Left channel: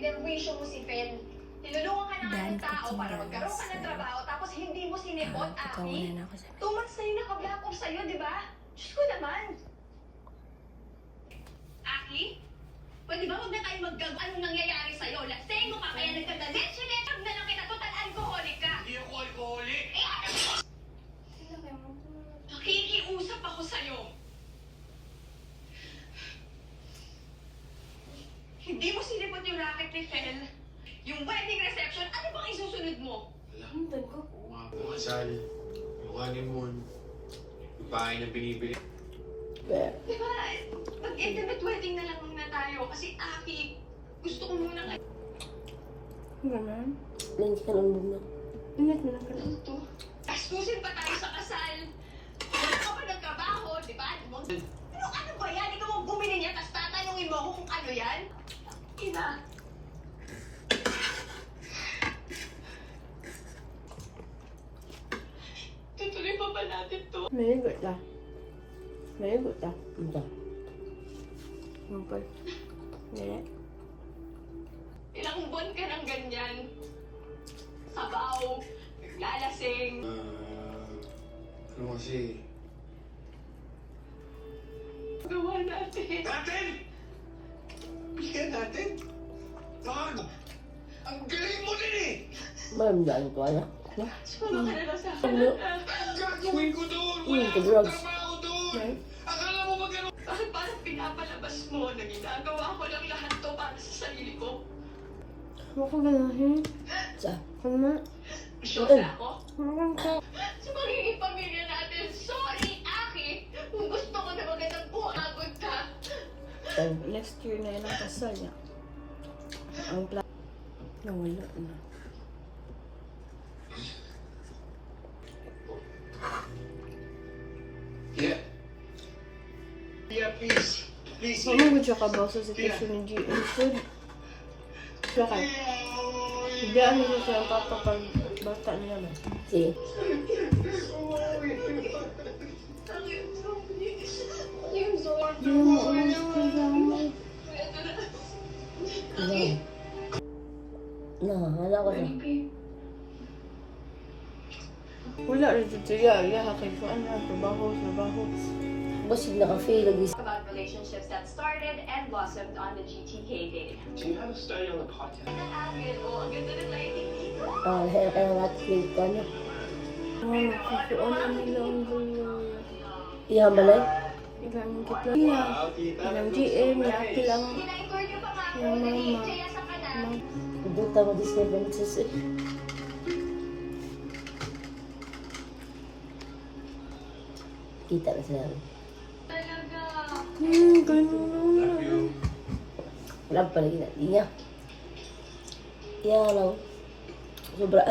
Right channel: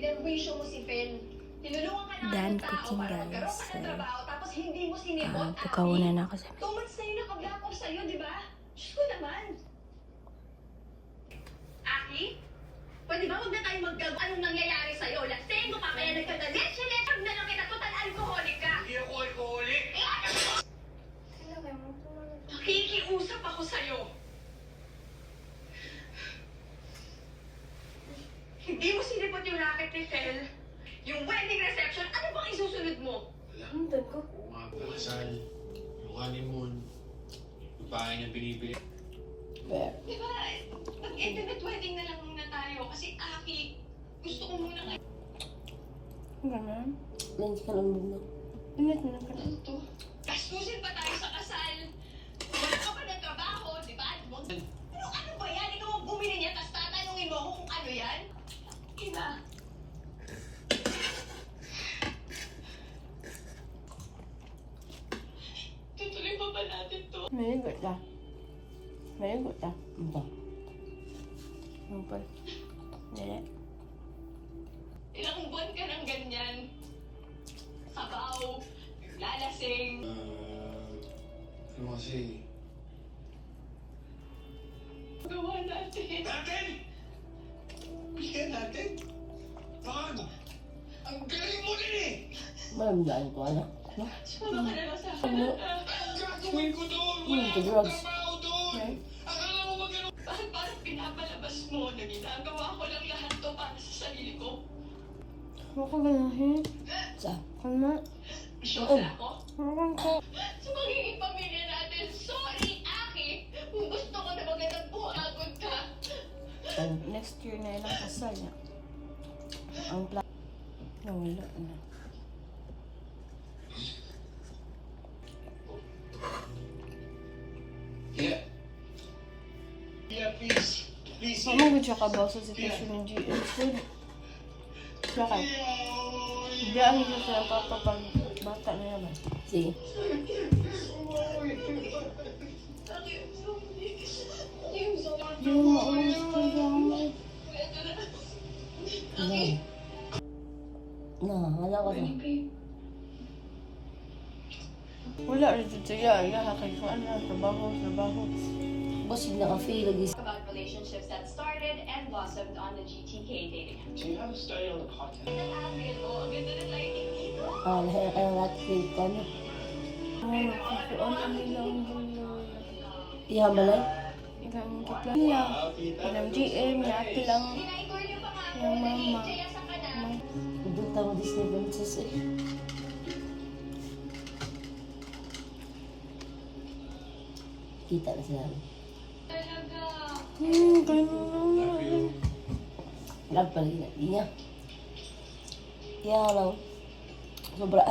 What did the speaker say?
pinerwisyo mo si Fen. Tinulungan ka na ng tao para magkaroon ka ng trabaho, tapos hindi mo sinipot, Aki. Pagkaunan ako sa 2 months na yun nakablock off sa'yo, di ba? Diyos ko naman. Aki? Pwede ba huwag na tayo maggago? Anong nangyayari sa'yo? Lasing mo pa kaya nagkagalit? Sinitag na lang kita, total alcoholic ka. Hindi ako alcoholic. Nakikiusap ako sa'yo. Hindi mo sinipot yung racket ni Fel. Yung wedding reception, ano bang isusunod mo? Alam ko. Mga kasal, yung honeymoon, yung bahay na binibili. Di ba, mag-intimate wedding na lang muna tayo. Kasi Aki, gusto ko muna nga. Ganun. Nandiyan ka ng bumag. Ingat mo lang ka. Ano to? Kastusin pa tayo sa kasal. Wala ka pa ng trabaho, di ba? Ano ba yan? Ikaw ang bumili niya, tapos tatanungin mo ako kung ano yan? Ina. Tutuloy pa ba natin to? May igot na. May igot na. Ito. Ano pa? Hindi. Ilang buwan ka ng ganyan. Sabaw, naglalasing. Ano kasi? Gawa natin. Natin! Bigyan natin! Bago! Ang galing mo din eh! Malamdaman ko, anak. Sumama ka na lang sa Ano? akin. Ang gagawin ko doon! Wala Yung akong drugs. trabaho doon! Akala mo magano? Bakit parang pinapalabas mo na ginagawa ko lang lahat to para sa sarili ko? Ano ka ganahin? Sa? Ano? Sure na ako? Ano ka? Sa magiging pamilya natin, sorry, Aki! Kung gusto ko na magandang buhagod ka. Next year na yan ang kasal niya. Ang plan. Nawala na. Yeah. Yeah, please. Please. Ano mo siya kabaw sa sitwasyon ng GM food? Okay. Hindi ano siya siya kapag bata niya ba? Sige. Hindi mo alam sa kanya. Ano? Hala ko na. Wala rin dito ya kay ko ano trabaho. Busig na kafe lagi. About relationships that started and blossomed on the GTK dating. Do you have a story on the podcast? Ang ganda ng lighting dito. Lahir ka ng lahat kay ko, ano? Kikuan ang ilang Iyan balay? ilang kitla niya. Ilang GM niya pilang Tinaigor niyo pa nga ako yung na mama. DJ sa kanal. Duta mo di 7 sis eh. Kita na sila. Talaga. Ganun. Wala pa lagi na. Iya. Iya lang. Sobra.